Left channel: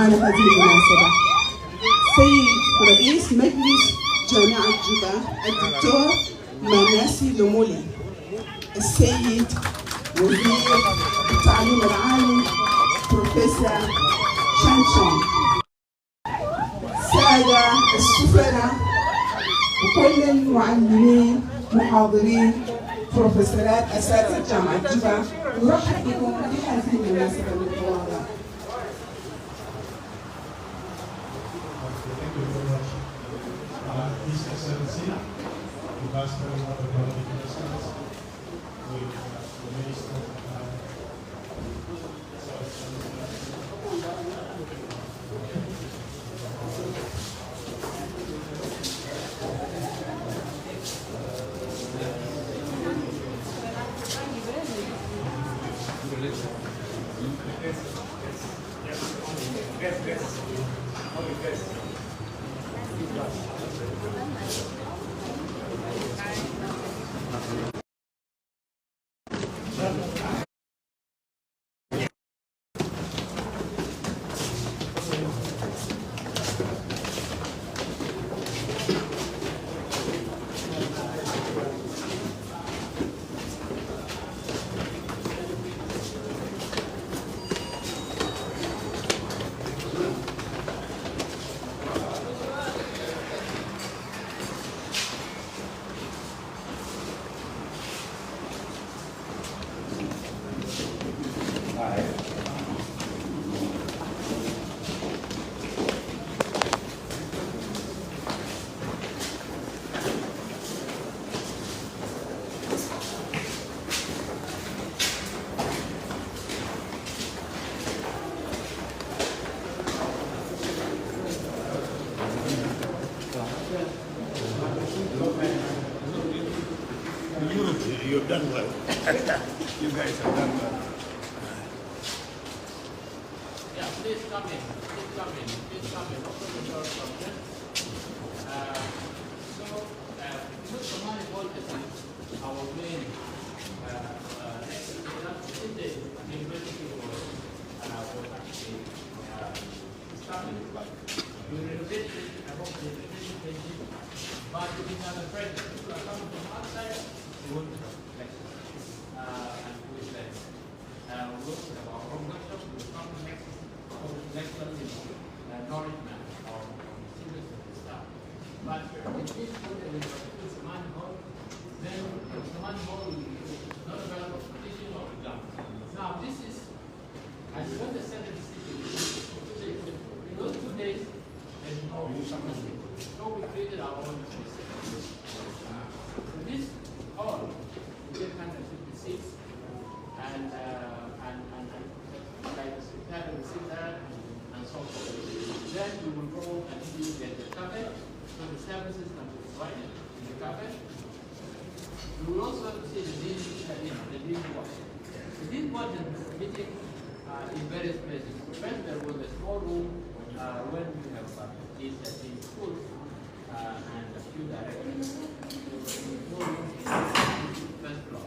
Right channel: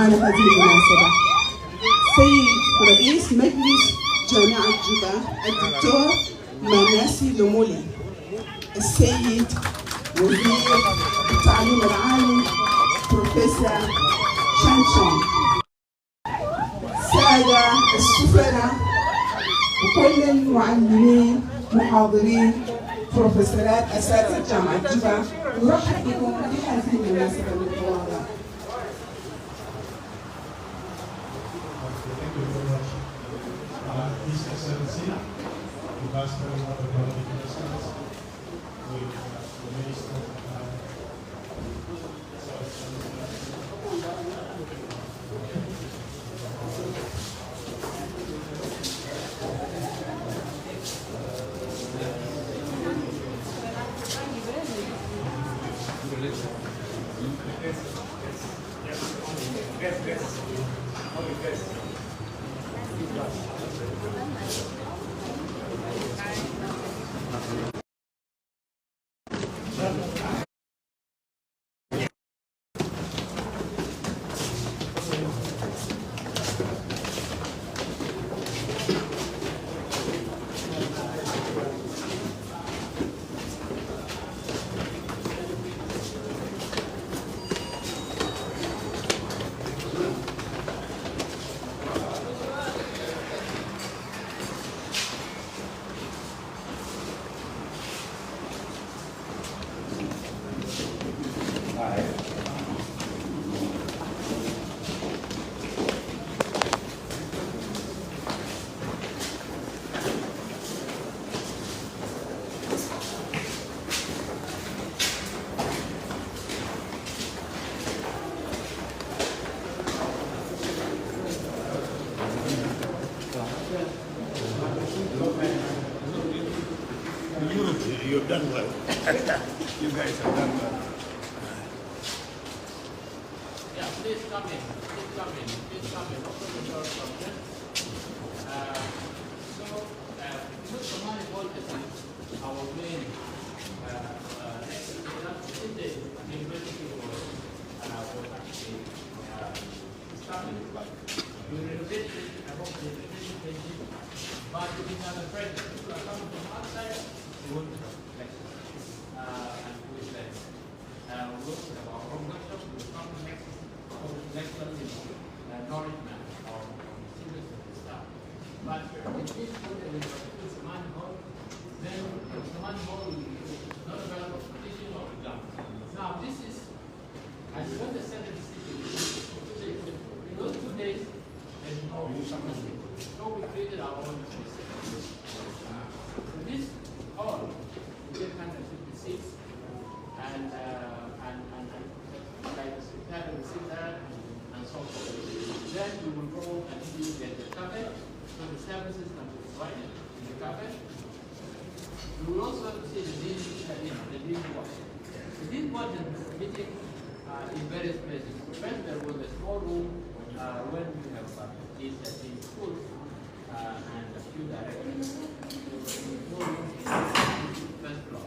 معانا في هذه المناسبة سيد رئيس مجلس جامعة جوبا الدكتور مناسي لومولي، السيد وزير التعليم العالي بروفيسور شانشون، السادة السفراء وكل المعلمين محاضرين بروفيسورات أساتذة جامعة جوبا، نرحب بكم في هذه المناسبة المتواضعة. His Excellency, the Master of the Political Science, with the Minister you've done well. You guys have done well. Yeah, please come in. Please come in. Please come in. Open the door from here. Somali Voltage is our main the university was actually established. We renovated it, I hope the renovation, but we didn't have a presence. People are coming from outside, they want to come and we said, we also have our own workshop, we will come next acknowledgement of students and staff. But in this way, we have Saman Hall, then Saman Hall will be not about competition or exam. Now, this is, as you understand the city, in those 2 days, there's no something. So we created our own space. So this hall, we get 150 seats, and like the secretary will sit there and so forth. Then we will go and see the cafe, so the services can be provided in the cafe. We will also see the dean watch. The dean watch is meeting in various places. First, there was a small room when we have in school and a few directors. There was a small room in the first floor.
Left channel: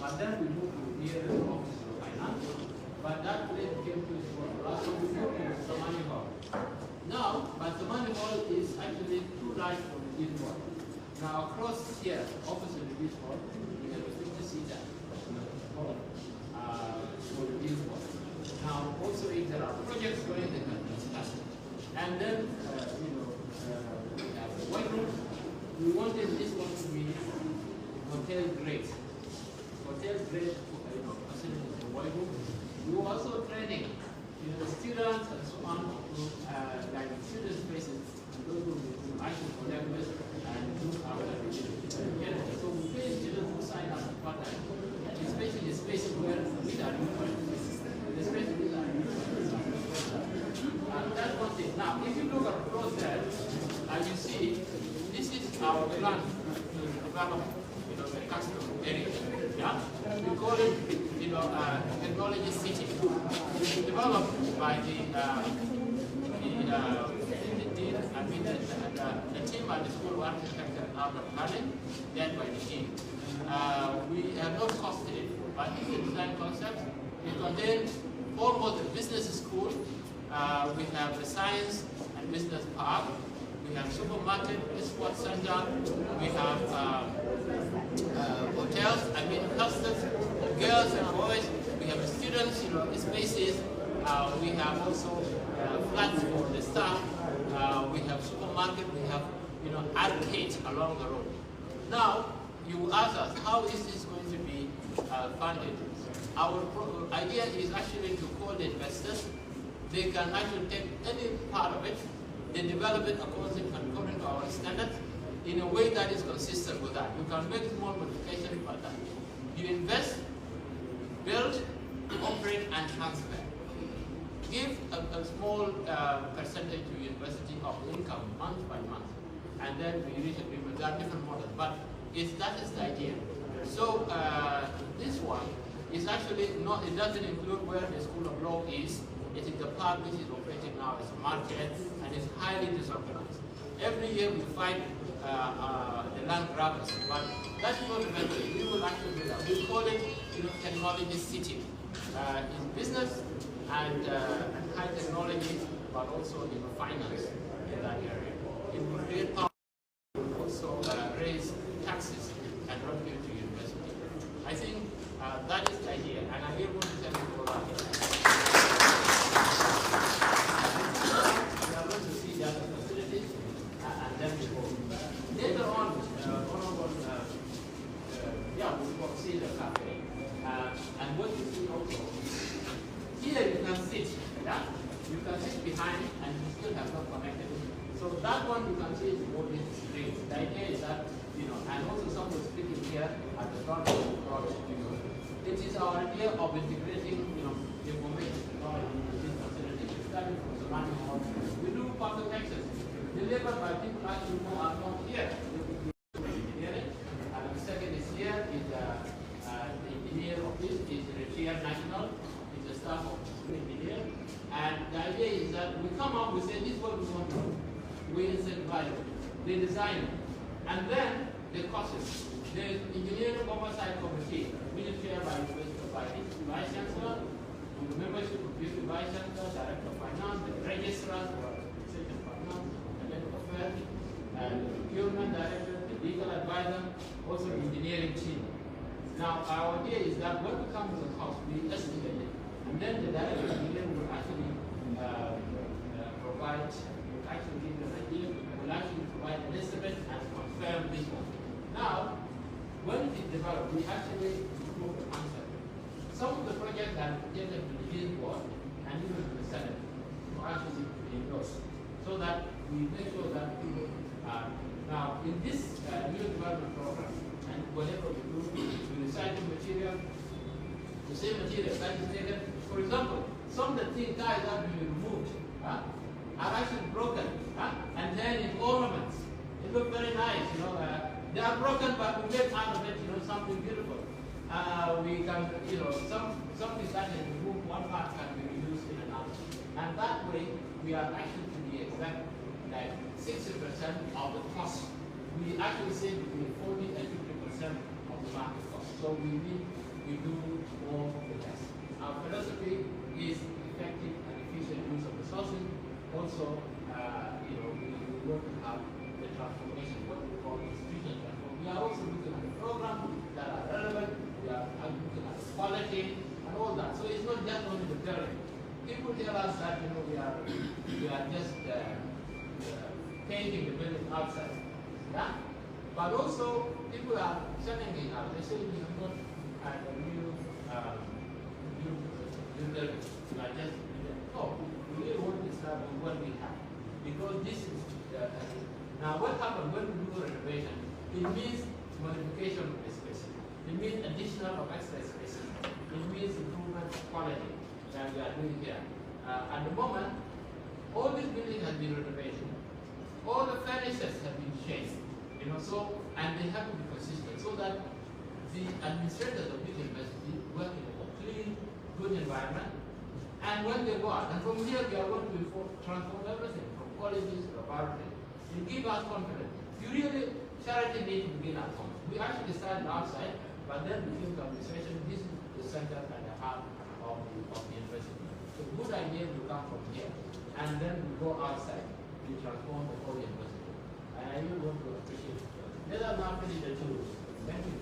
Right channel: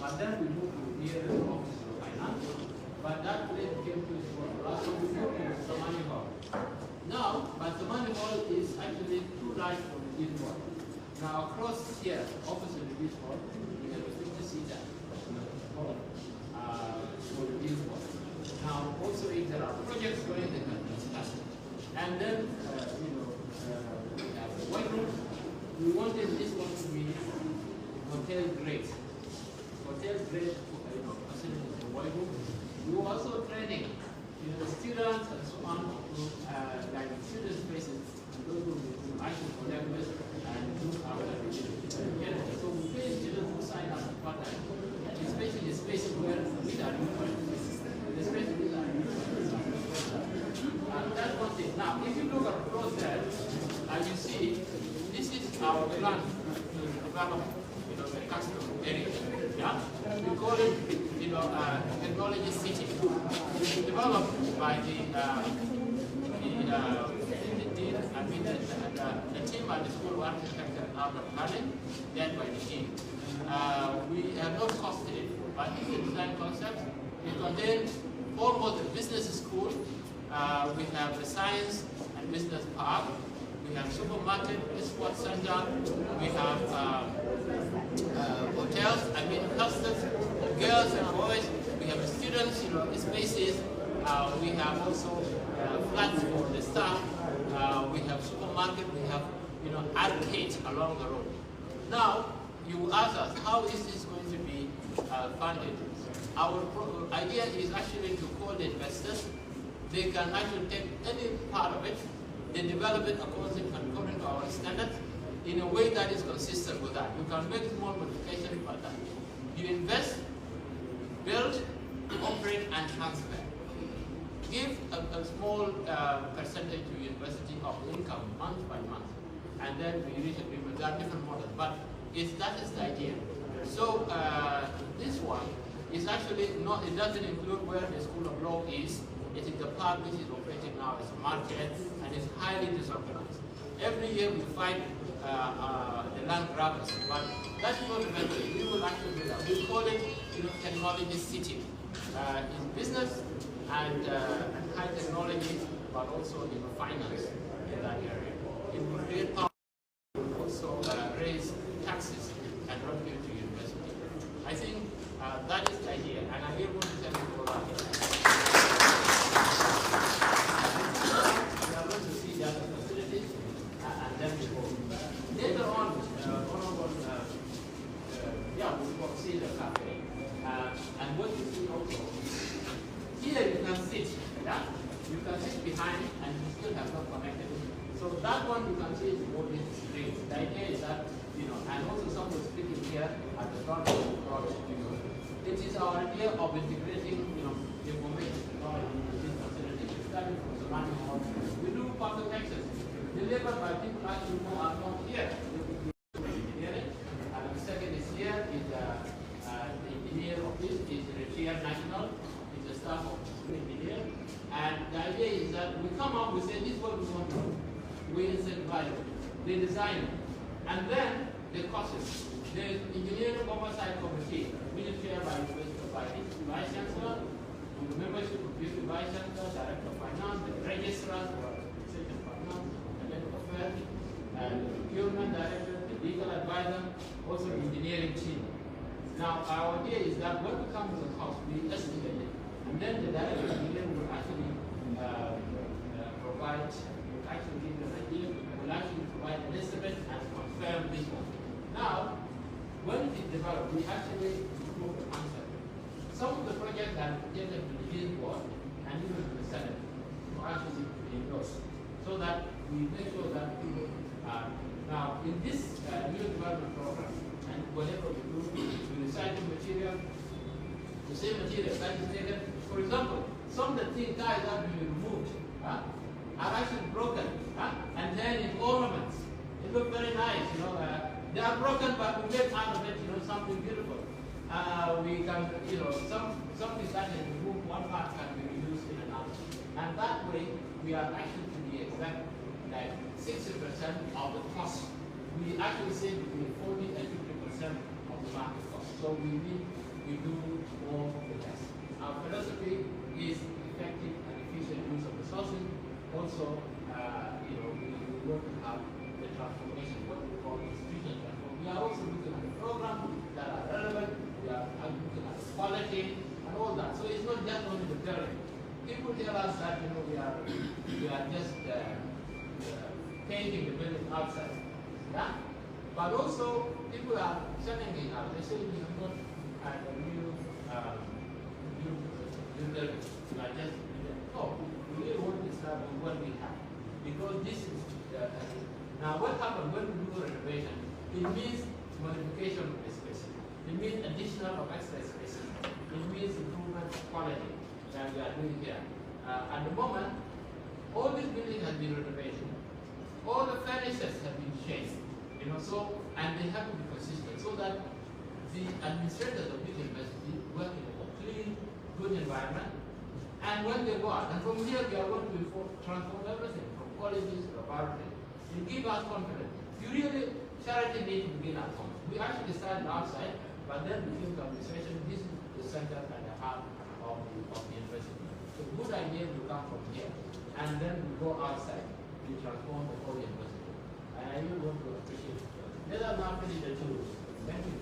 But then we moved to near the office of finance. But that place became too small. So we moved to Somali Hall. Now, but Somali Hall is actually too large for the dean watch. Now, across here, opposite the dean hall, we have a 50-seater hall for the dean watch. Now, also if there are projects going, they can discuss it. And then, we have the white room. We wanted this one to be hotel grade. Hotel grade, facilities in the white room. We were also training, students and so on, like student spaces, and those who actually collect with and do our so we pay students who sign up part-time, especially the spaces where we are the spaces we are that's one thing. Now, if you look across there, as you see, this is our plan to develop, the custom area. Yeah, we call it, technology city. Developed by the team at the School of Architecture and Urban Planning, led by the team. We have not costed it, but it's a design concept. It contains almost a business school, We have the Science and Business Park. We have supermarket, sports center. We have hotels, clusters of girls and boys. We have students, spaces. We have also flats for the staff. We have supermarket. We have, arcades along the road. Now, you ask us, how is this going to be funded? Our idea is actually to call the investors. They can actually take any part of it. They develop it according to our standards in a way that is consistent with that. You can make small modifications about that. You invest, build, operate, and transfer. Give a small percentage to university of income month by month, and then we reach agreement. There are different models, but that is the idea. So this one is actually not, it doesn't include where the School of Law is. It is the park which is operating now as a market and is highly disorganized. Every year we fight the land grabbers, but that's not eventually. We will actually do that. We call it technology city. In business and high technology, but also in finance in that area. It will create power, also raise taxes and revenue to university. I think that is the idea, and I'm able to tell you all that. We are going to see the other facilities, and then we go. Later on, we will see the cafe. And what you see also, here you can sit, you can sit behind and you still have not connected. So that one you can see is more discreet. The idea is that, and also someone speaking here at the front of the project, it is our idea of integrating, information technology into this facility. Starting from surrounding hall, we do public access delivered by people actually who are not here. Engineering, and the second is here is the engineer of this is retired national, is the staff of the engineer. And the idea is that we come up, we say this is what we want to do. We incentivize it, they design it, and then the courses. The engineering oversight committee, which is chaired by the Vice Chancellor, with the membership of the Vice Chancellor, Director of Finance, the Registrar for Administration of Finance, and then Affairs, and the Procurement Director, the Legal Advisor, also the engineering team. Now, our idea is that when we come to the cost, we estimate it, and then the Director of Engineering will actually provide, actually give an idea, will actually provide an estimate and confirm this one. Now, when it is developed, we actually improve the concept. Some of the projects are projected to the Lead Board and even to the Senate to actually endorse, so that we make sure that people are. Now, in this new development program, and whatever we do, we recycle material, the same material that is taken. For example, some of the things that are being removed are actually broken, and then in ornaments. It looks very nice, they are broken, but we make out of it, something beautiful. We can, something that is removed, one part can be reused in another. And that way, we are actually, to be exact, like 60% of the cost. We actually save between 40 and 50% of the market cost. So we do more with less. Our philosophy is effective and efficient use of resources. Also, we want to have the transformation, what we call institutional transformation. We are also looking at the programs that are relevant. We are looking at the quality and all that. So it's not just only the theory. People tell us that we are just painting the building outside. Yeah? But also people are selling it out. They say we have not had a new building. We are just we really want to start with what we have. Because this is now what happens when we do renovation, it means modification of the space. It means additional of extra spaces. It means improvement of quality that we are doing here. At the moment, all this building has been renovated. All the furnitures have been changed. And they have to be consistent so that the administrators of this university work in a clean, good environment. And when they go out, and from here we are going to transform everything from colleges to laboratories. It gives us confidence. Charity needs to begin at home. We actually started outside, but then we came to administration. This is the center and the heart of the university. So good ideas will come from here, and then we go outside to transform the whole university. And I really want to appreciate it. Let us now finish the two. Thank you.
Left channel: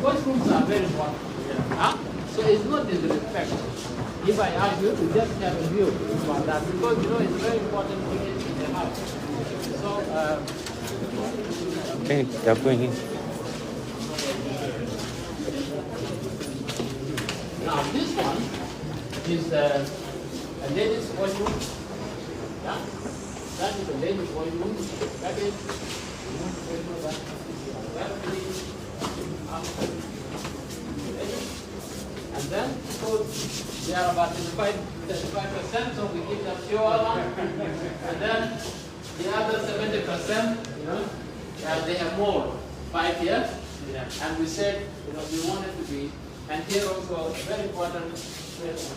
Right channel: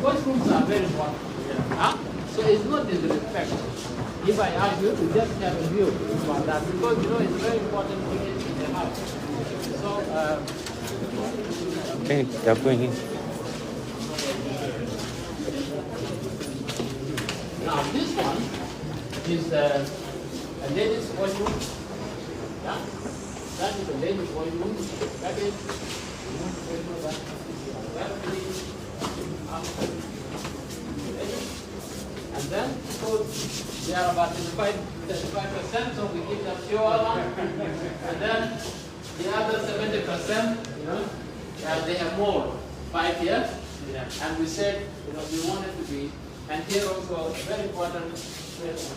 Classrooms are very important. Huh? So it's not disrespect. If I ask you to just have a view about that, because you know it's very important to get in the house. So Okay, they're going in. now this one is a ladies' washroom. Yeah? That is a ladies' washroom. That is and then because they are about 35%, so we give them pure one. And then the other 70%, you know, they have more, 5 years. Yeah. And we said, you know, we want it to be, and here also very important,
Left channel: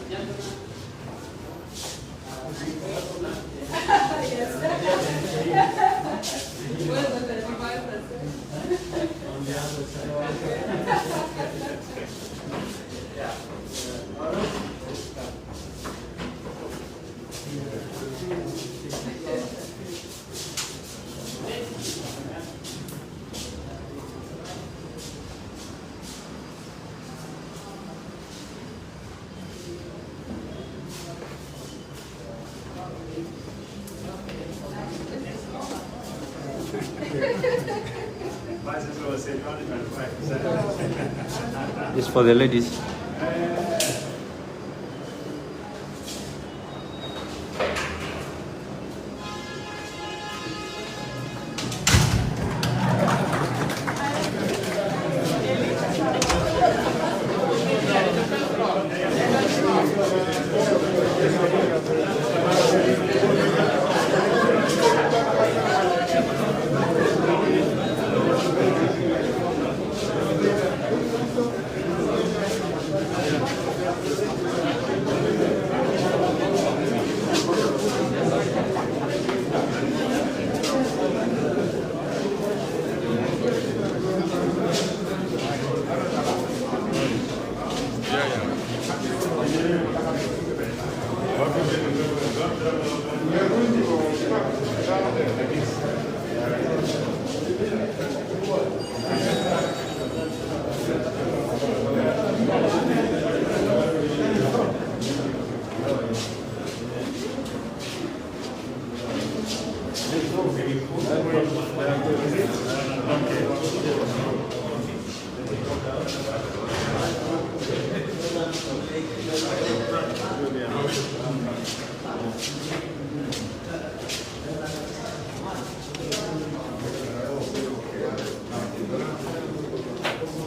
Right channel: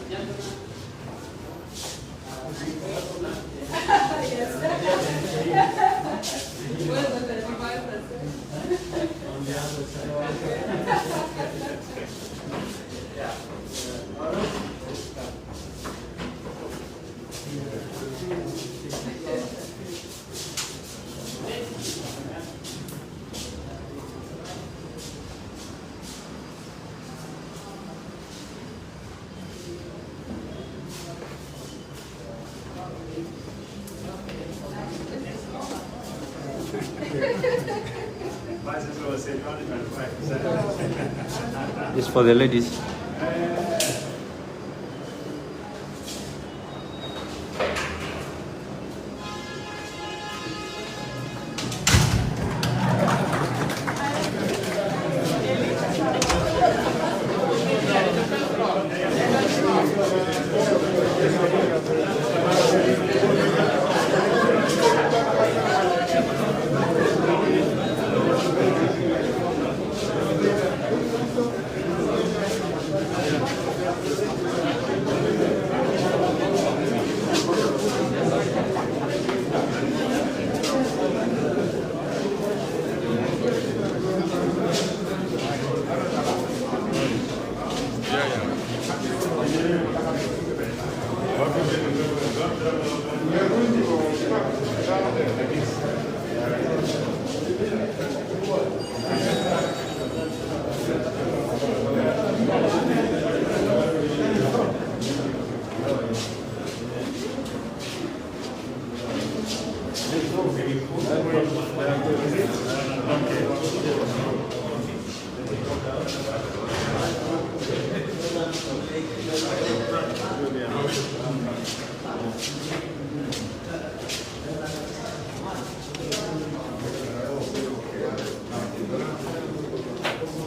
gentlemen. Where's the 35%? On the other side. Yeah. It's for the ladies.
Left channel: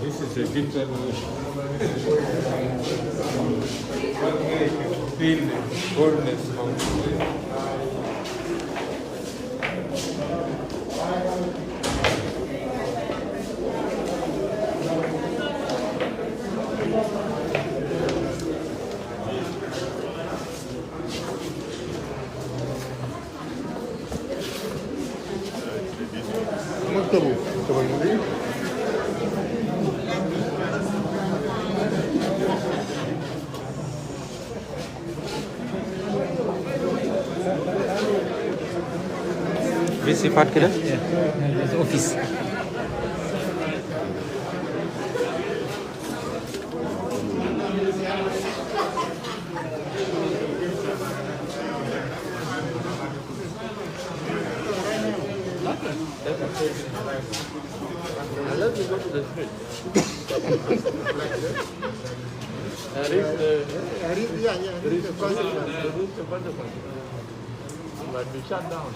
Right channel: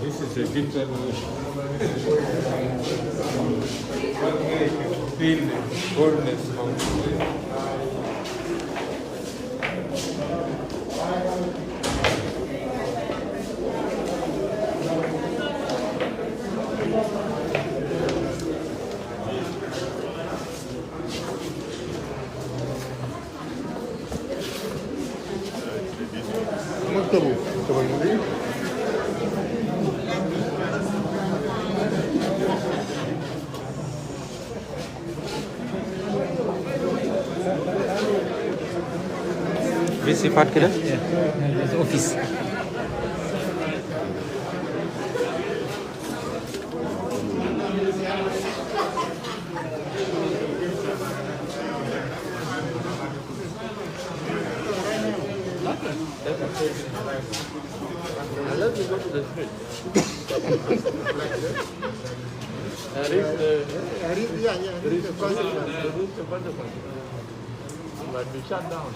This is a good celebration. Feel the fullness of Di sifat kira? Office. I love to go to the street. But we shut down.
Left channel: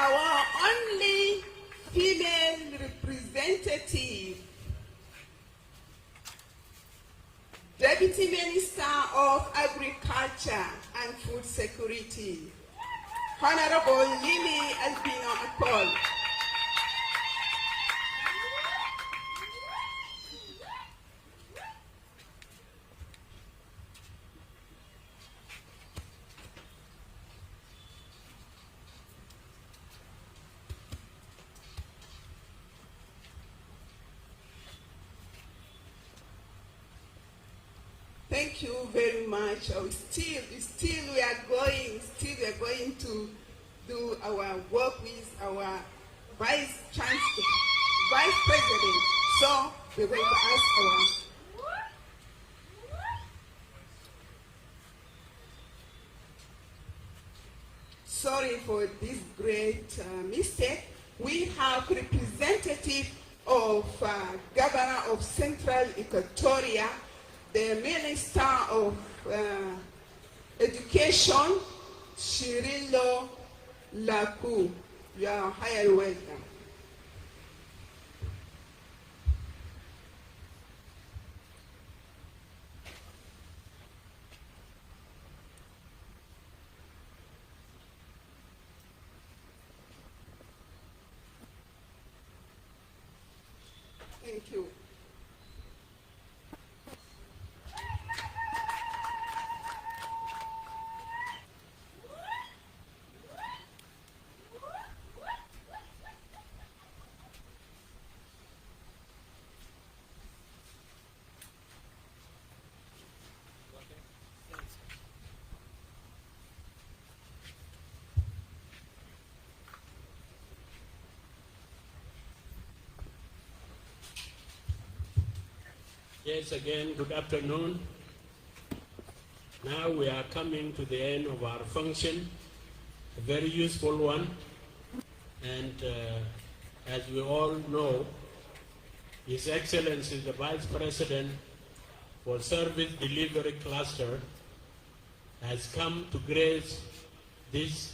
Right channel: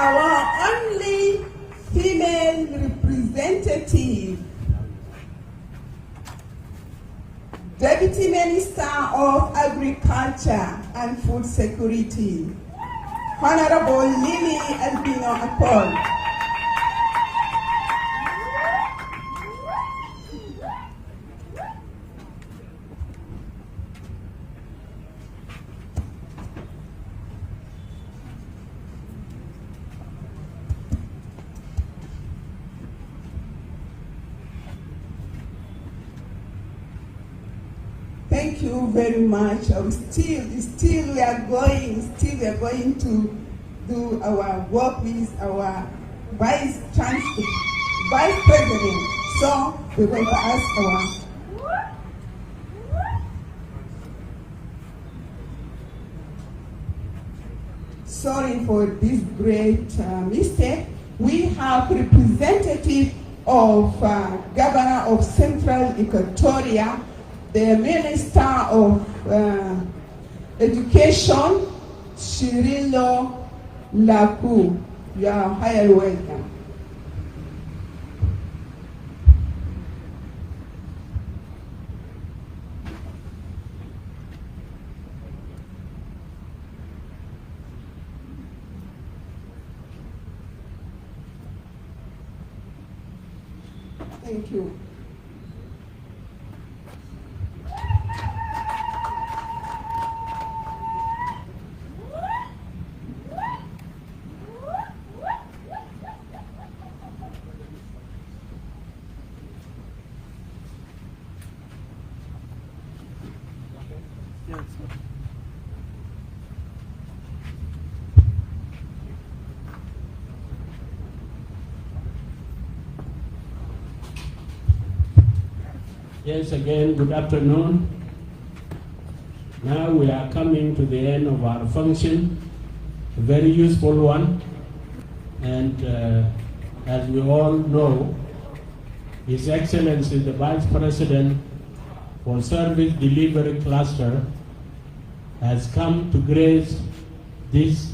Our only female representative, Deputy Minister of Agriculture and Food Security, Honorable Lily Albino Akol. Thank you very much. Still we are going to do our work with our Vice President. So we're going to ask our sorry for this great mistake. We have representative of Governor of Central Equatoria, the Minister of Education, Shirilo Laku. You are highly welcome. Thank you. Yes, again, good afternoon. Now we are coming to the end of our function, a very useful one. And as we all know, His Excellency the Vice President for Service Delivery Cluster has come to grace this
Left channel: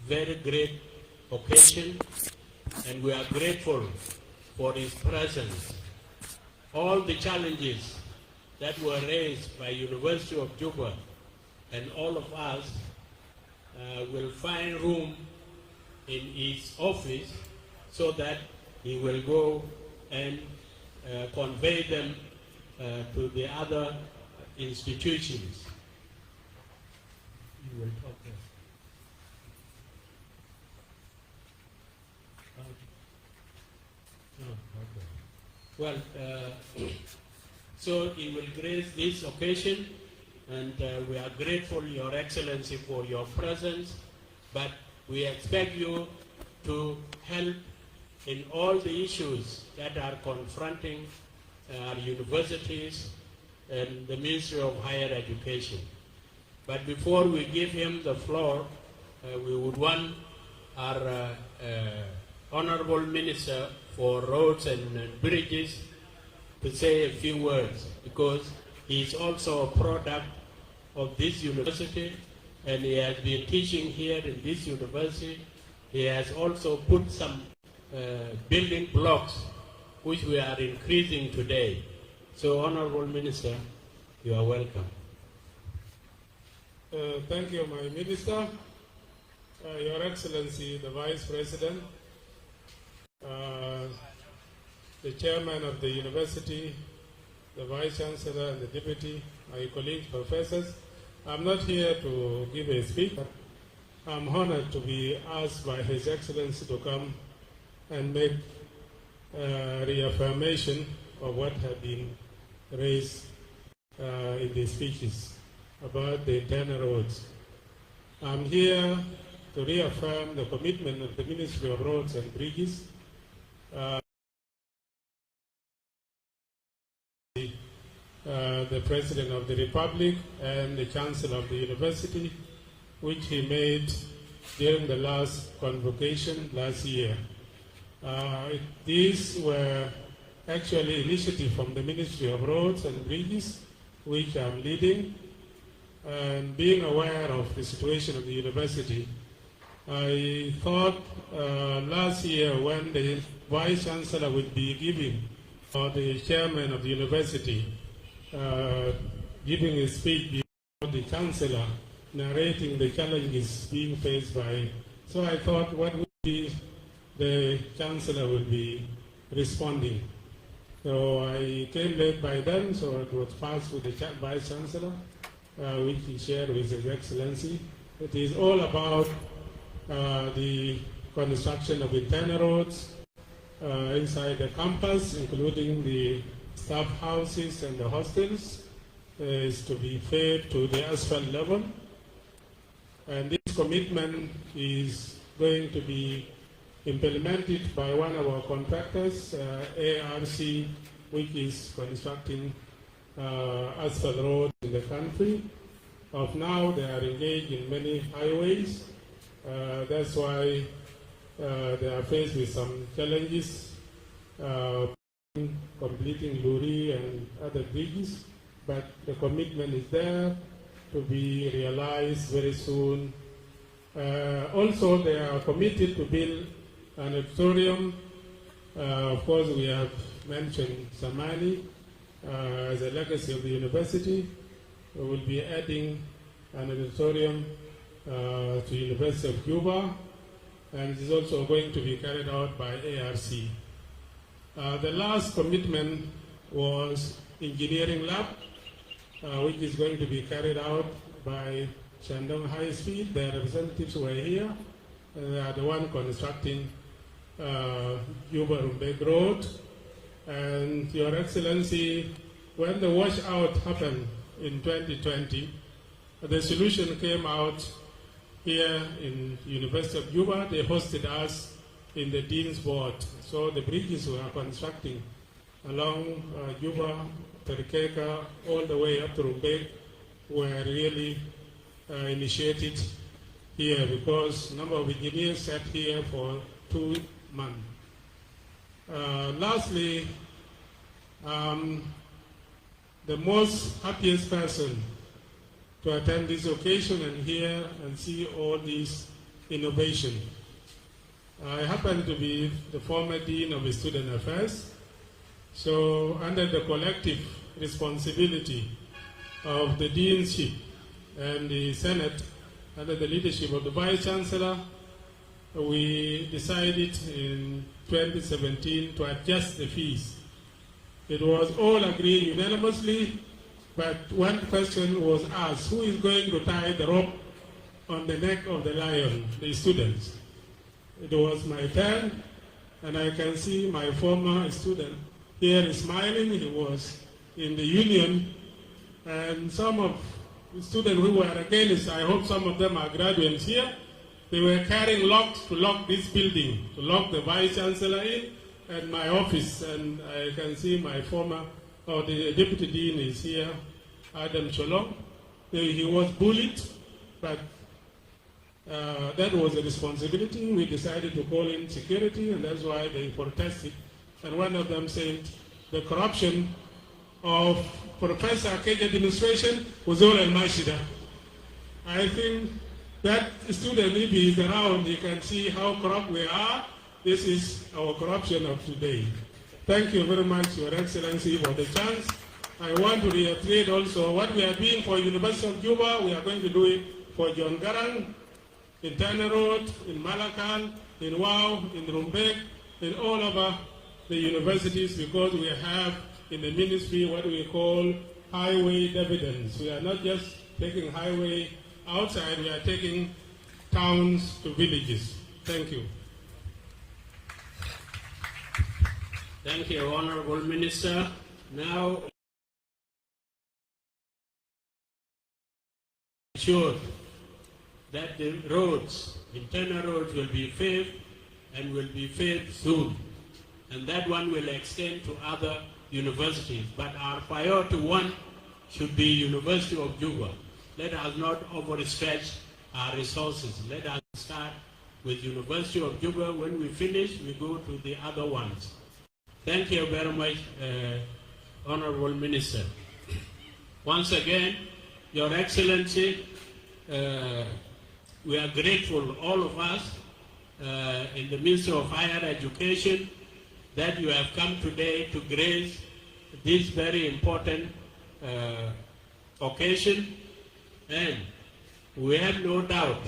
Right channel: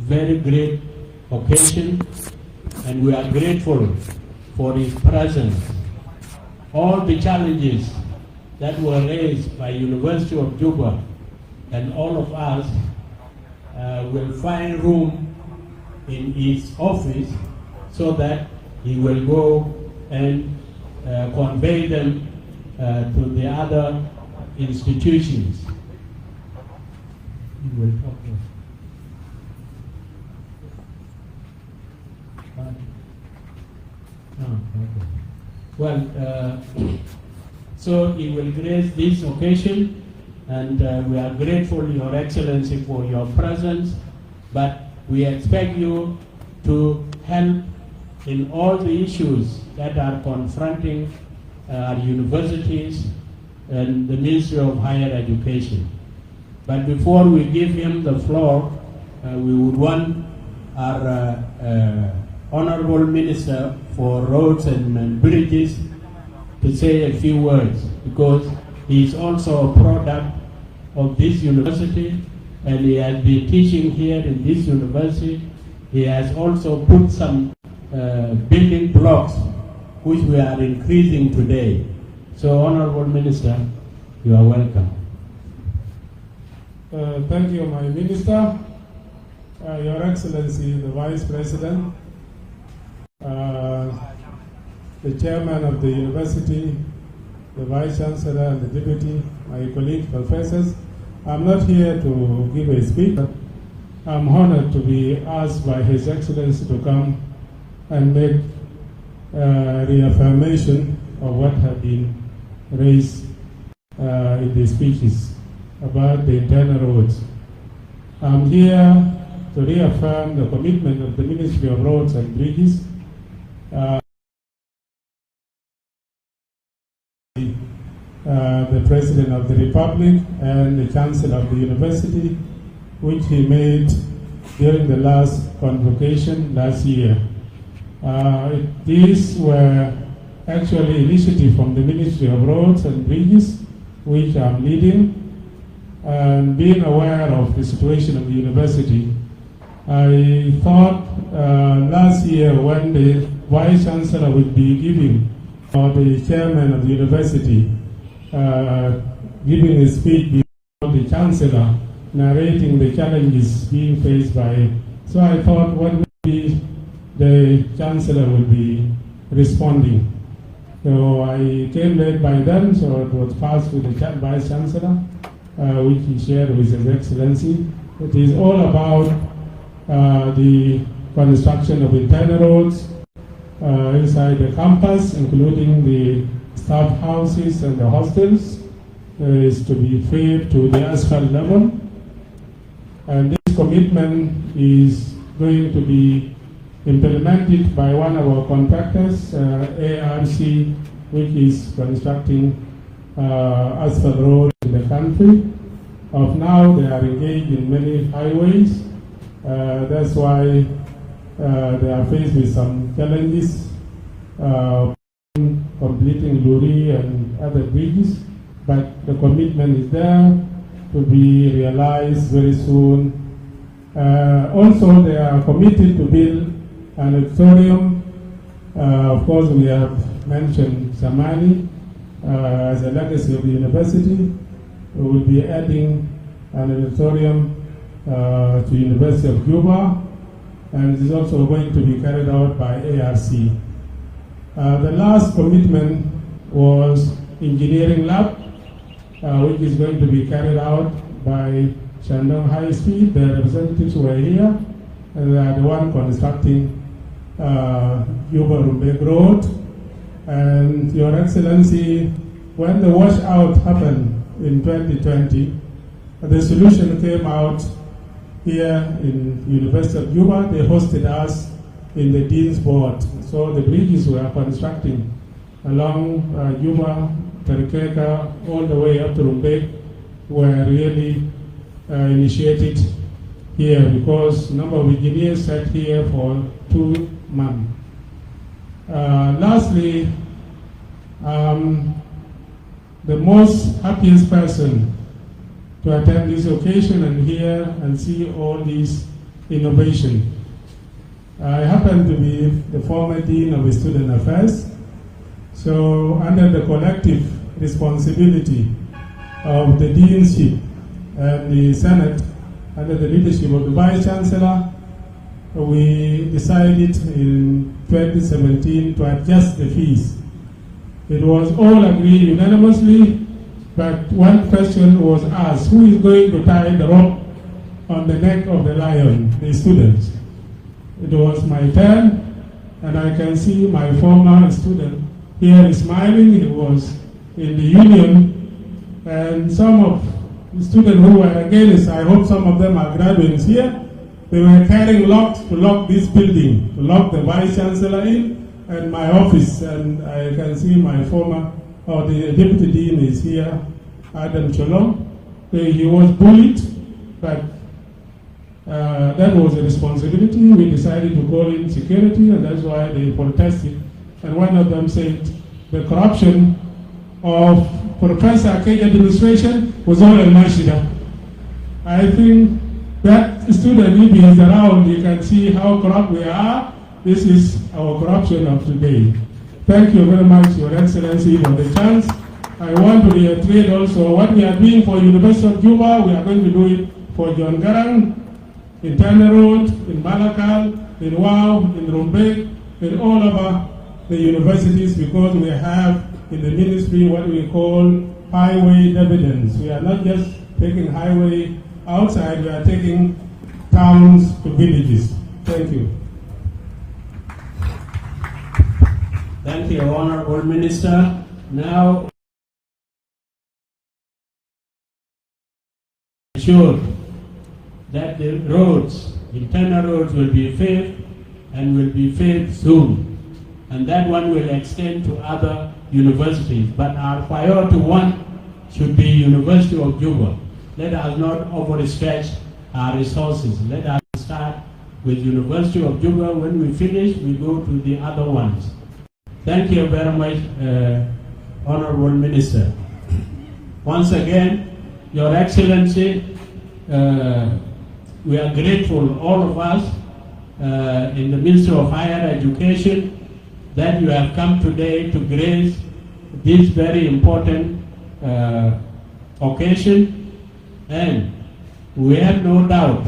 very great occasion, and we are grateful for his presence. All the challenges that were raised by University of Juba and all of us will find room in his office so that he will go and convey them to the other institutions. He will talk to us. Okay. Well, so he will grace this occasion, and we are grateful, Your Excellency, for your presence, but we expect you to help in all the issues that are confronting our universities and the Ministry of Higher Education. But before we give him the floor, we would want our Honorable Minister for Roads and Bridges to say a few words, because he is also a product of this university, and he has been teaching here in this university. He has also put some building blocks which we are increasing today. So, Honorable Minister, you are welcome. Thank you, my Minister, Your Excellency, the Vice President, the Chairman of the University, the Vice Chancellor and the Deputy, my colleague professors. I'm not here to give a speech. I'm honored to be asked by His Excellency to come and make reaffirmation of what have been raised in the speeches about the internal roads. I'm here to reaffirm the commitment of the Ministry of Roads and Bridges the President of the Republic and the Chancellor of the University, which he made during the last convocation last year. These were actually initiatives from the Ministry of Roads and Bridges, which I'm leading, and being aware of the situation of the university. I thought last year when the Vice Chancellor would be giving, or the Chairman of the university, giving a speech before the Chancellor, narrating the challenges being faced by. So I thought what would be the Chancellor will be responding. So I came late by then, so it was passed to the Vice Chancellor, which he shared with His Excellency. It is all about the construction of internal roads inside the campus, including the staff houses and the hostels, is to be fed to the asphalt level. And this commitment is going to be implemented by one of our contractors, ARC, which is constructing asphalt roads in the country. Of now, they are engaged in many highways. That's why they are faced with some challenges, completing Luri and other bridges, but the commitment is there to be realized very soon. Also, they are committed to build an auditorium. Of course, we have mentioned Samani as a legacy of the university. We will be adding an auditorium to the University of Juba, and it is also going to be carried out by ARC. The last commitment was engineering lab, which is going to be carried out by Shandong High Street. The representatives were here, and they are the one constructing Juba-Rumbek Road. And Your Excellency, when the washout happened in 2020, the solution came out here in University of Juba. They hosted us in the Dean's Board. So the bridges we are constructing along Juba, Terkeka, all the way up to Rumbek were really initiated here because a number of engineers sat here for 2 months. Lastly, the most happiest person to attend this occasion and hear and see all these innovations. I happen to be the former Dean of Student Affairs, so under the collective responsibility of the Deanship and the Senate, under the leadership of the Vice Chancellor, we decided in 2017 to adjust the fees. It was all agreed unanimously, but one question was asked: who is going to tie the rope on the neck of the lion? The students. It was my turn, and I can see my former student here smiling. He was in the union, and some of the students who were against, I hope some of them are graduates here, they were carrying locks to lock this building, to lock the Vice Chancellor in, and my office, and I can see my former, or the Deputy Dean is here, Adam Cholom. He was bullied, but that was a responsibility. We decided to call in security, and that's why they protested. And one of them said the corruption of Professor Ake's administration was all in Mashida. I think that student, if he is around, you can see how corrupt we are. This is our corruption of today. Thank you very much, Your Excellency, for the chance. I want to reiterate also what we are doing for University of Juba. We are going to do it for John Garang, in Tana Road, in Malakal, in Wau, in Rumbek, in all over the universities, because we have in the ministry what we call highway dividends. We are not just taking highway outside, we are taking towns to villages. Thank you. Thank you, Honorable Minister. Now, assured that the roads, internal roads, will be paved and will be paved soon. And that one will extend to other universities. But our priority one should be University of Juba. Let us not overstretch our resources. Let us start with University of Juba. When we finish, we go to the other ones. Thank you very much, Honorable Minister. Once again, Your Excellency, we are grateful, all of us, in the Ministry of Higher Education, that you have come today to grace this very important occasion, and we have no doubt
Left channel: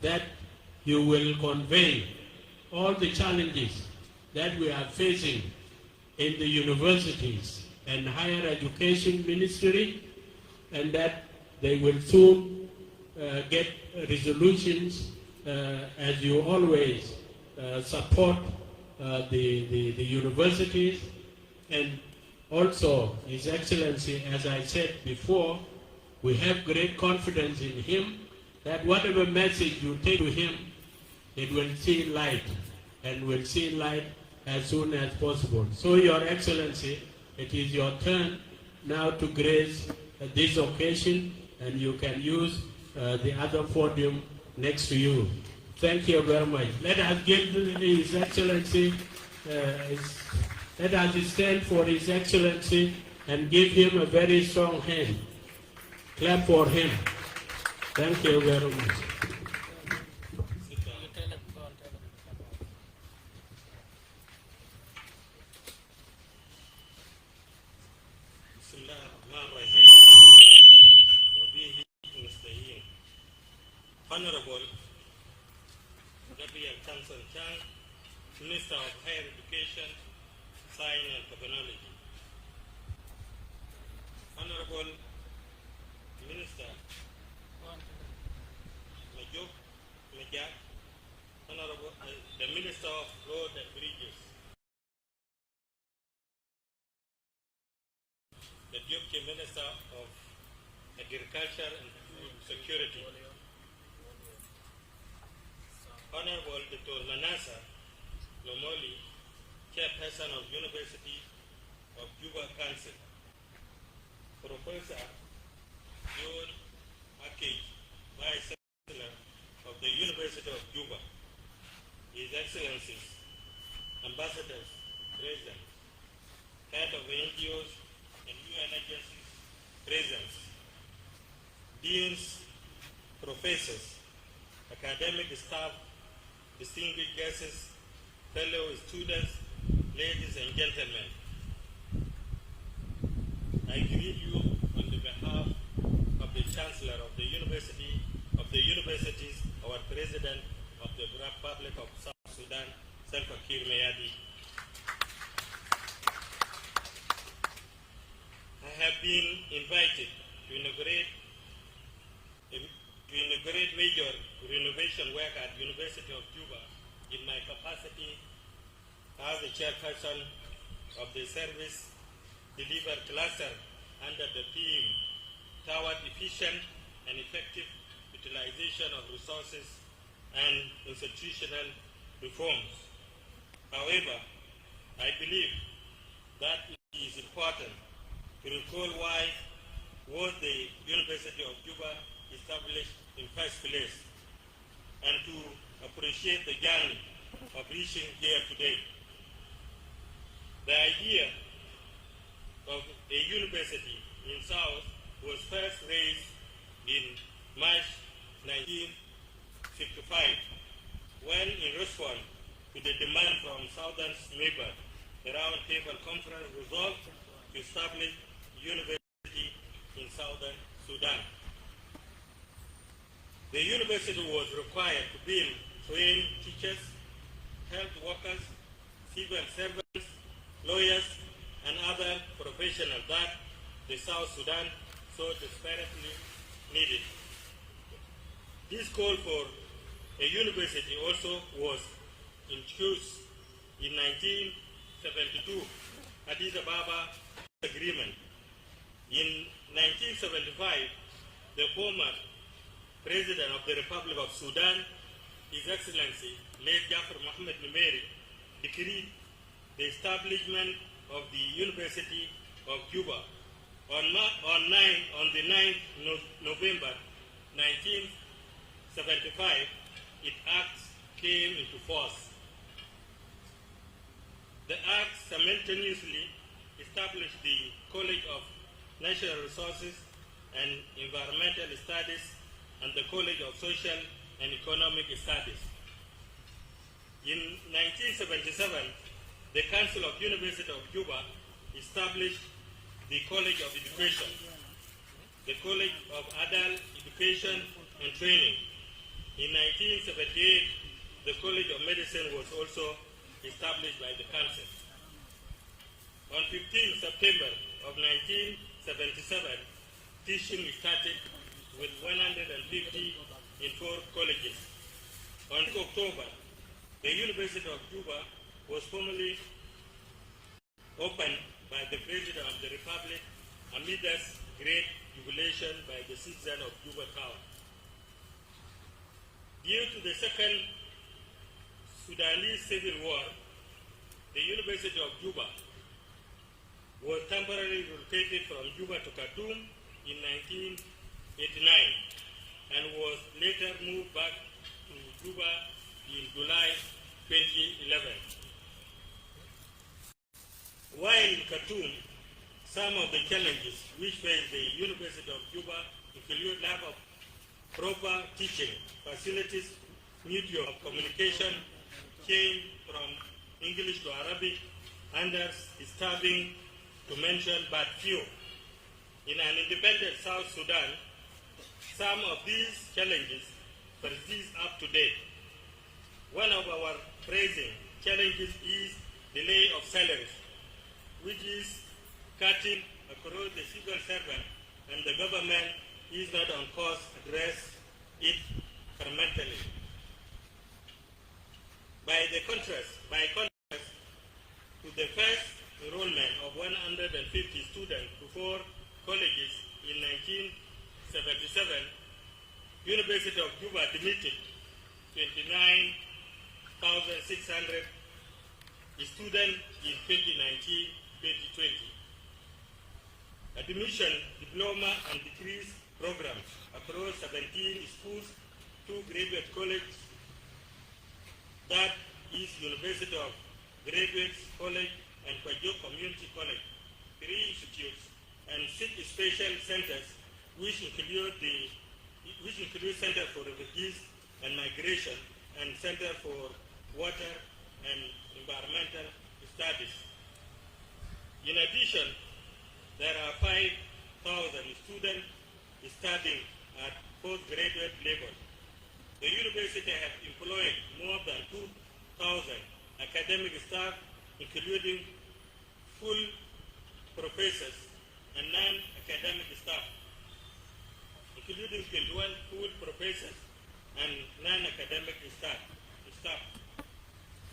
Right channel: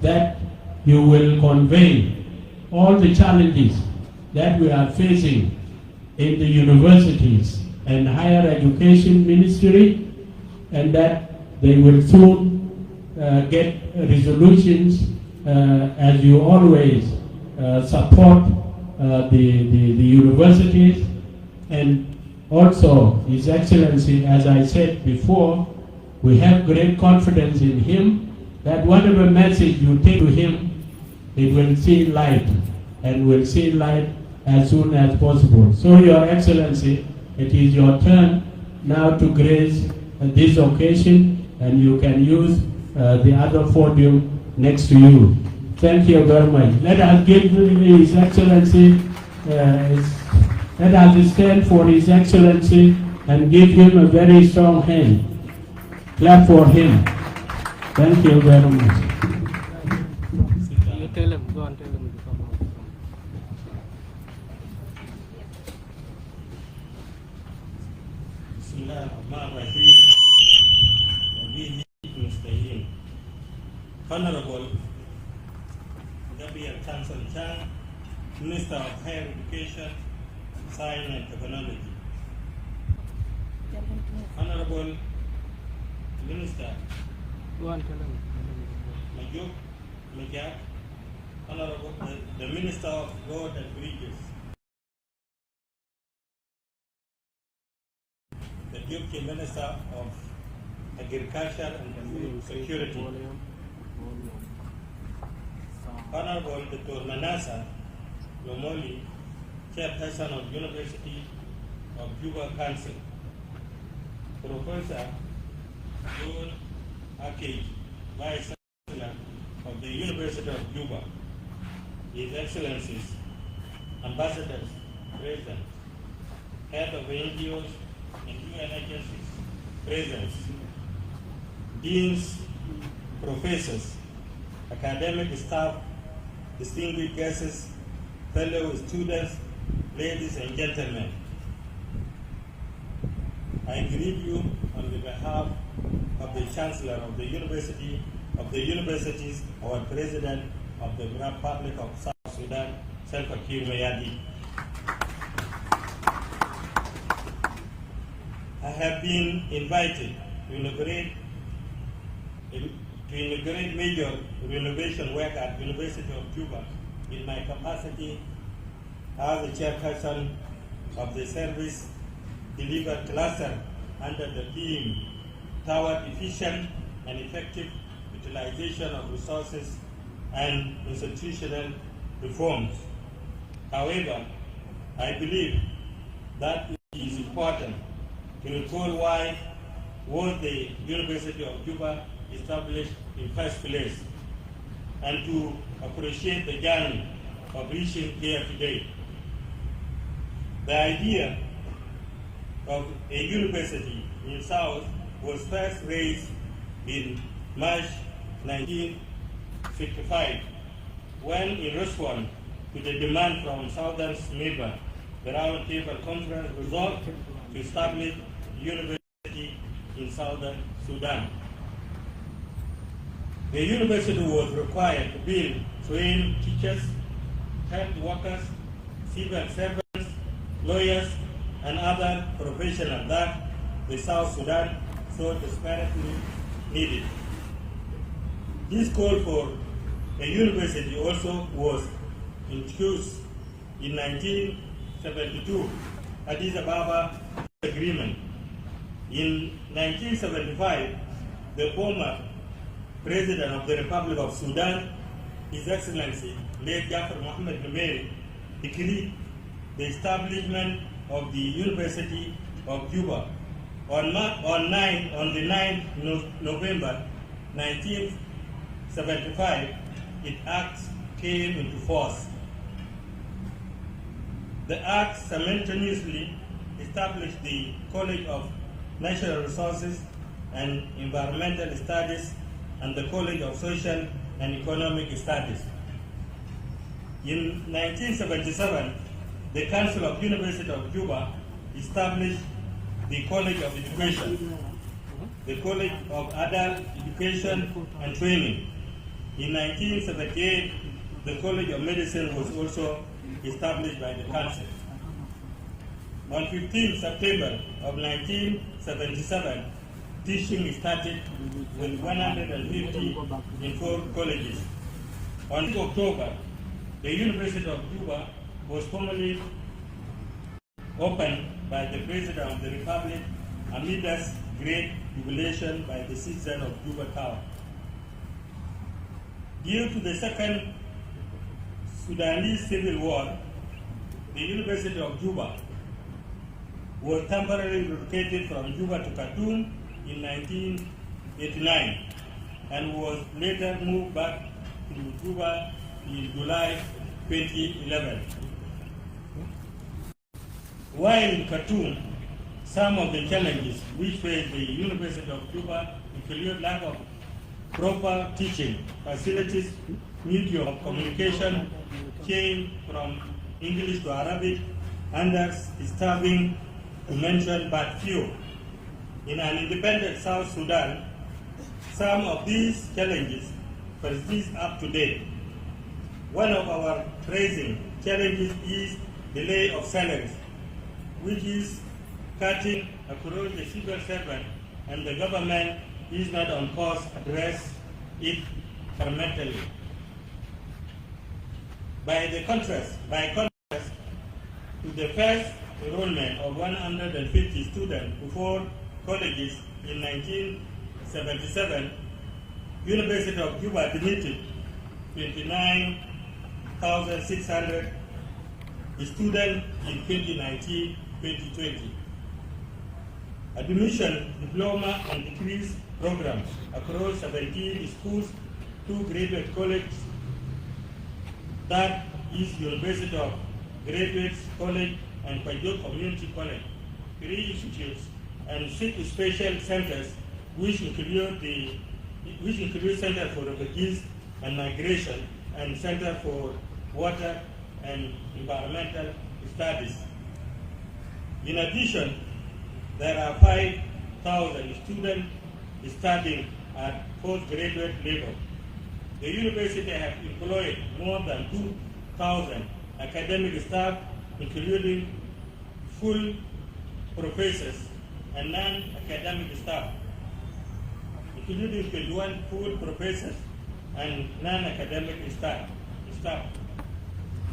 that you will convey all the challenges that we are facing in the universities and higher education ministry, and that they will soon get resolutions as you always support the universities. And also, His Excellency, as I said before, we have great confidence in him that whatever message you take to him, it will see light, and will see light as soon as possible. So, Your Excellency, it is your turn now to grace this occasion, and you can use the other podium next to you. Thank you very much. Let us give His Excellency, let us stand for His Excellency and give him a very strong hand. Clap for him. Thank you very much. Tell him, go and tell him to come out. Honorable Deputy Chancellor, Minister of Higher Education, Science and Technology. Honorable Minister Majuk Majak, Honorable the Minister of Road and Bridges, the Deputy Minister of Agriculture and Food Security, Honorable Dr. Nanasa Lomoli, Chairperson of University of Juba Council, Professor John Akol Vice Chancellor of the University of Juba, His Excellencies, Ambassadors, Presidents, Head of NGOs and UN agencies, present, Deans, Professors, academic staff, distinguished guests, fellow students, ladies and gentlemen. I greet you on the behalf of the Chancellor of the University, our President of the Republic of South Sudan, Salva Kiir Mayadi. I have been invited to inaugurate major renovation work at University of Juba in my capacity as the chairperson of the service delivered cluster under the theme toward efficient and effective utilization of resources and institutional reforms. However, I believe that it is important to recall why was the University of Juba established in first place and to appreciate the journey of reaching here today. The idea of a university in South was first raised in March 1965 when, in response to the demand from Southern neighbor, the Round Table Conference resolved to establish a university in Southern Sudan. The university was required to build trained teachers, health workers, civil servants, lawyers, and other professionals that the South Sudan so desperately needed. This call for a university also was introduced in 1972 Addis Ababa Agreement. In 1975, the former President of the Republic of Sudan, His Excellency, late Jafar Mohammed Numeri, decreed the establishment of the University of Juba. On the 9th November 1975, its act came into force. The act simultaneously established the College of Natural Resources and Environmental Studies and the College of Social and Economic Studies. In 1977, the Council of University of Juba established the College of Education, the College of Adult Education and Training. In 1978, the College of Medicine was also established by the Council. On 15 September of 1977, teaching started with 150 in 4 colleges. On October, the University of Juba was formally opened by the President of the Republic amidst great jubilation by the citizens of Juba Town. Due to the Second Sudanese Civil War, the University of Juba was temporarily relocated from Juba to Khartoum in 1989 and was later moved back to Juba in July 2011. While in Khartoum, some of the challenges which faced the University of Juba include lack of proper teaching facilities, medium of communication change from English to Arabic, understaffing, to mention but few. In an independent South Sudan, some of these challenges persist up to date. One of our pressing challenges is delay of salaries which is cutting across the civil servant, and the government is not on course to address it fundamentally. By contrast, to the first enrollment of 150 students before colleges in 1977, University of Juba admitted 29,600 students in 2019-2020. Admission, diploma, and degree programs across 17 schools, 2 graduate colleges, that is University of Graduates College and Twic Community College, 3 institutes, and 6 special centers, which include Center for Refugees and Migration and Center for Water and Environmental Studies. In addition, there are 5,000 students studying at postgraduate level. The university has employed more than 2,000 academic staff, including full professors and non-academic staff, including 21 full professors and non-academic staff.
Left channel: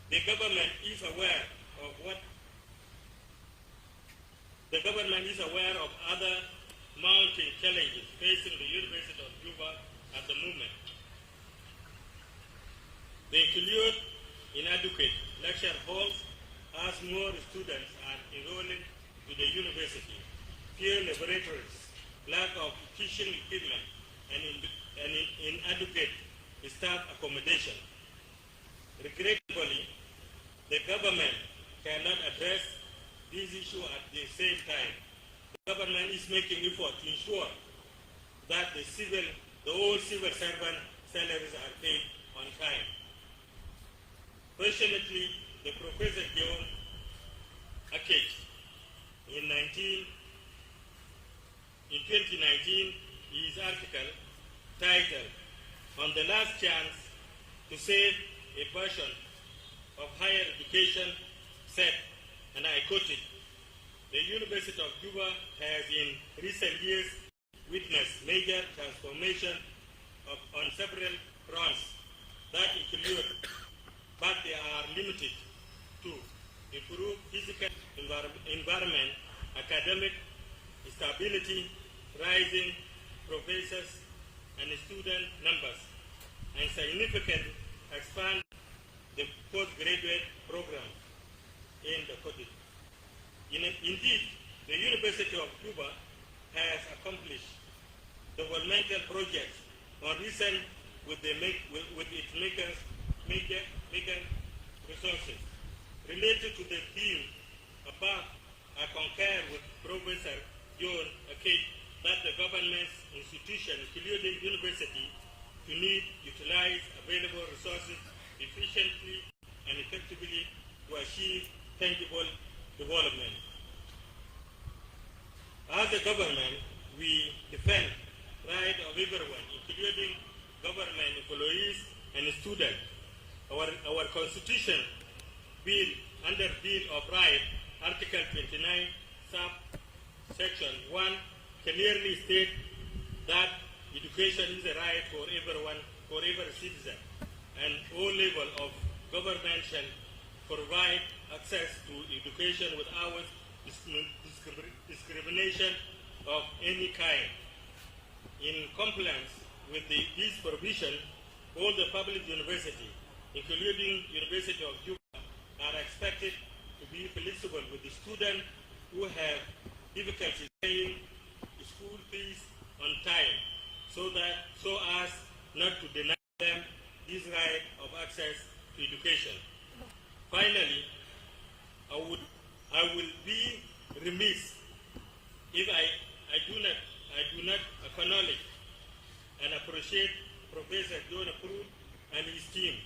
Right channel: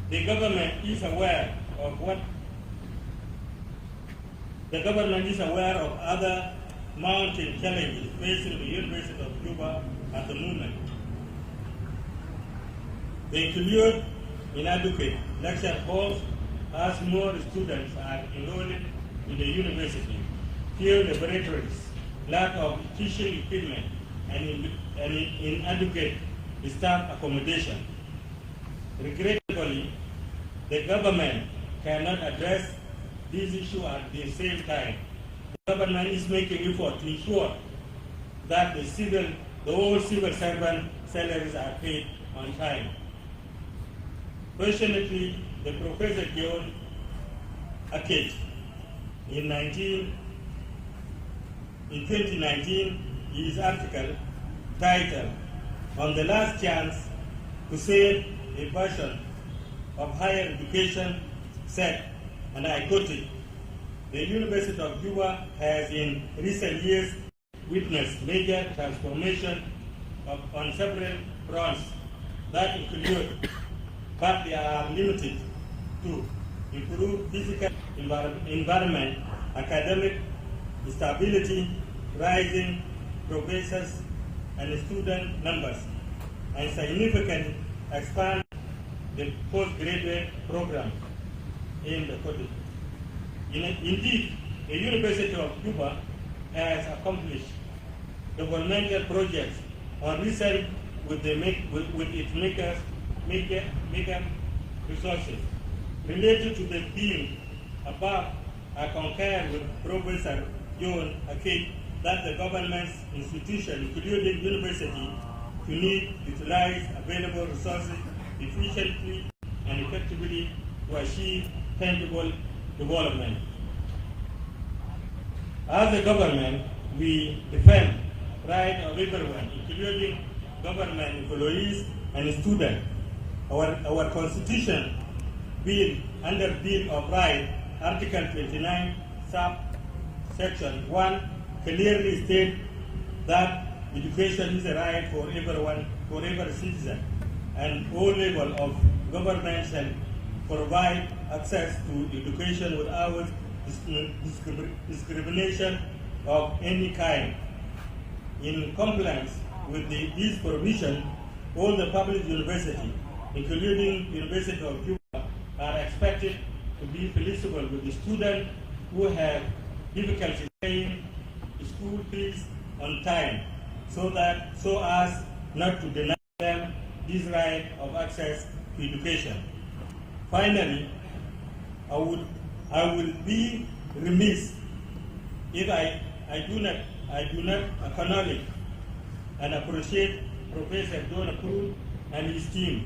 The government is aware of other mounting challenges facing the University of Juba at the moment. They include inadequate lecture halls as more students are enrolling in the university, few laboratories, lack of teaching equipment, and inadequate staff accommodation. Regrettably, the government cannot address these issues at the same time. The government is making effort to ensure that all civil servant salaries are paid on time. Fortunately, the Professor John Akej in 2019, his article titled "On the Last Chance to Save a Version of Higher Education" said, and I quote it, "The University of Juba has in recent years witnessed major transformation on several fronts that include, but they are limited to, improve physical environment, academic stability, rising professors and student numbers, and significant expand the postgraduate program in the college. Indeed, the University of Juba has accomplished developmental projects on research with its major resources. Related to the theme above, I concur with Professor John Akej that the government's institutions, including universities, need to utilize available resources efficiently and effectively to achieve tangible development. As a government, we defend right of everyone, including government employees and students. Our Constitution, under Bill of Rights, Article 29, subsection 1, clearly states that education is a right for everyone, for every citizen, and all levels of government shall provide access to education without discrimination of any kind. In compliance with this provision, all the public universities, including University of Juba, are expected to be flexible with the students who have difficulty paying school fees on time, so as not to deny them this right of access to education. Finally, I will be remiss if I do not acknowledge and appreciate Professor John Akej and his team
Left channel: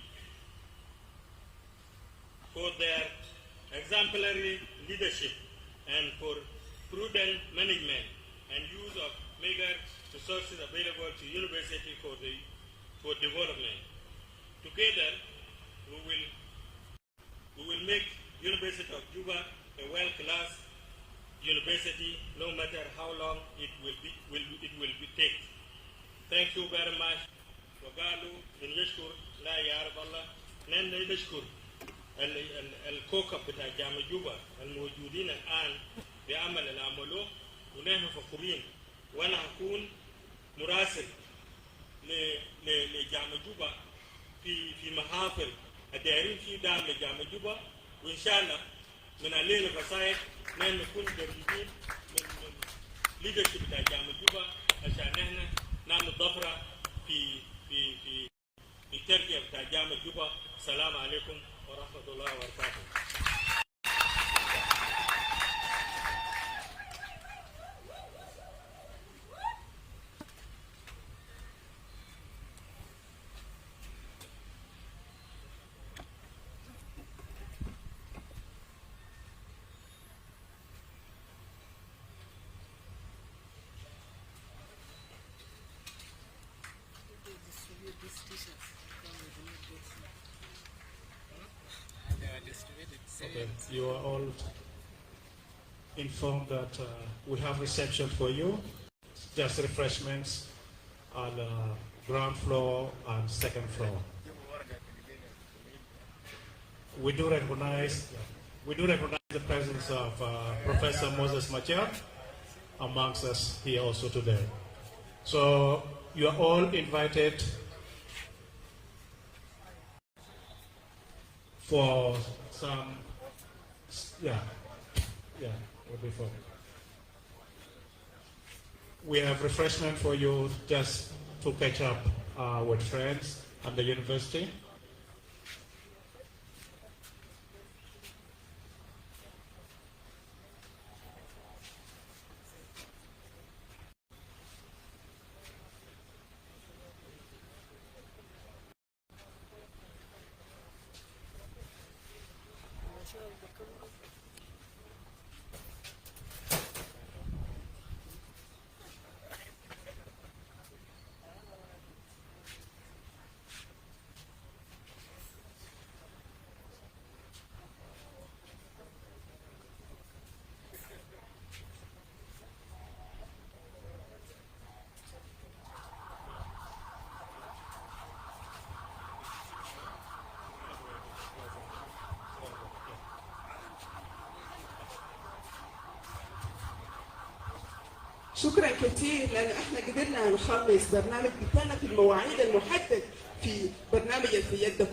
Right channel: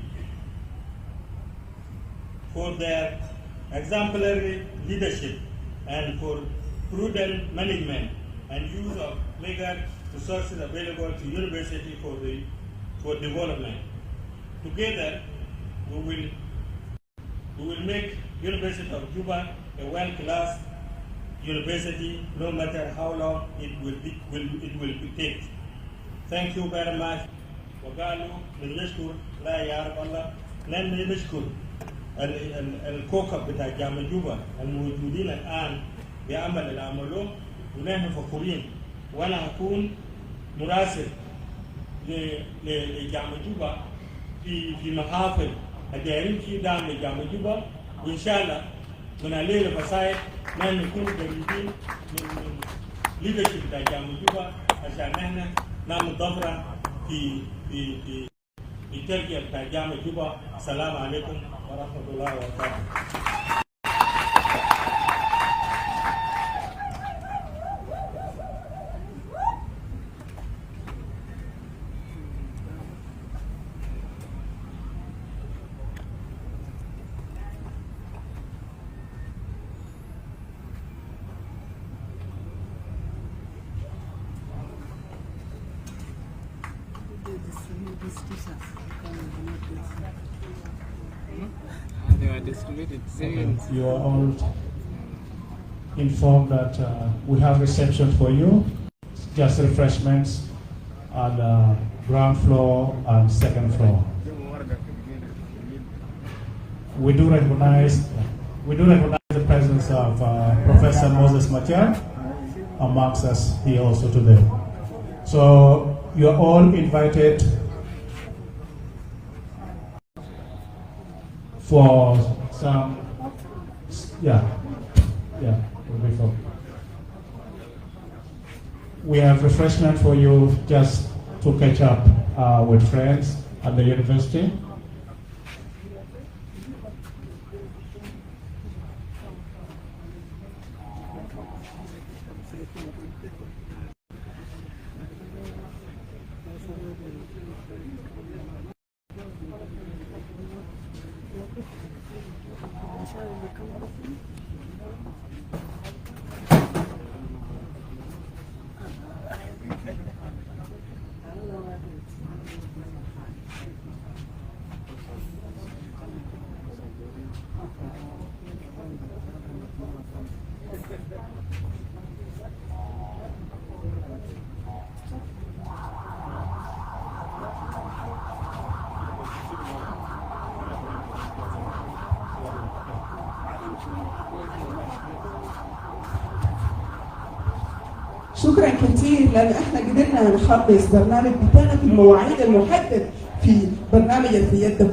for their exemplary leadership and for prudent management and use of meager resources available to university for development. Together, we will make University of Juba a world-class university, no matter how long it will take. Thank you very much. وقالوا بنشكر لا يعرف الله نحن نشكر الكوكب بتاع جامعة جوبا الموجودين الآن بعمل العملوا ونحن فخورين، وأنا هكون مراسل لجامعة جوبا في محافل الدائرين في دعم لجامعة جوبا، وإن شاء الله من الليلة فصايد نحن نكون قريبين من ليدرشيب بتاع جامعة جوبا عشان نحن نعمل ضفرة في تركيا بتاع جامعة جوبا. السلام عليكم ورحمة الله وبركاته. You are all informed that we have reception for you, just refreshments on the ground floor and second floor. We do recognize the presence of Professor Moses Machar amongst us here also today. So you are all invited for some, we have refreshment for you just to catch up with friends at the university. شكرا كثير لان احنا قدرنا نخلص برنامج بتاعنا في المواعيد المحدد في برنامج في يدكم.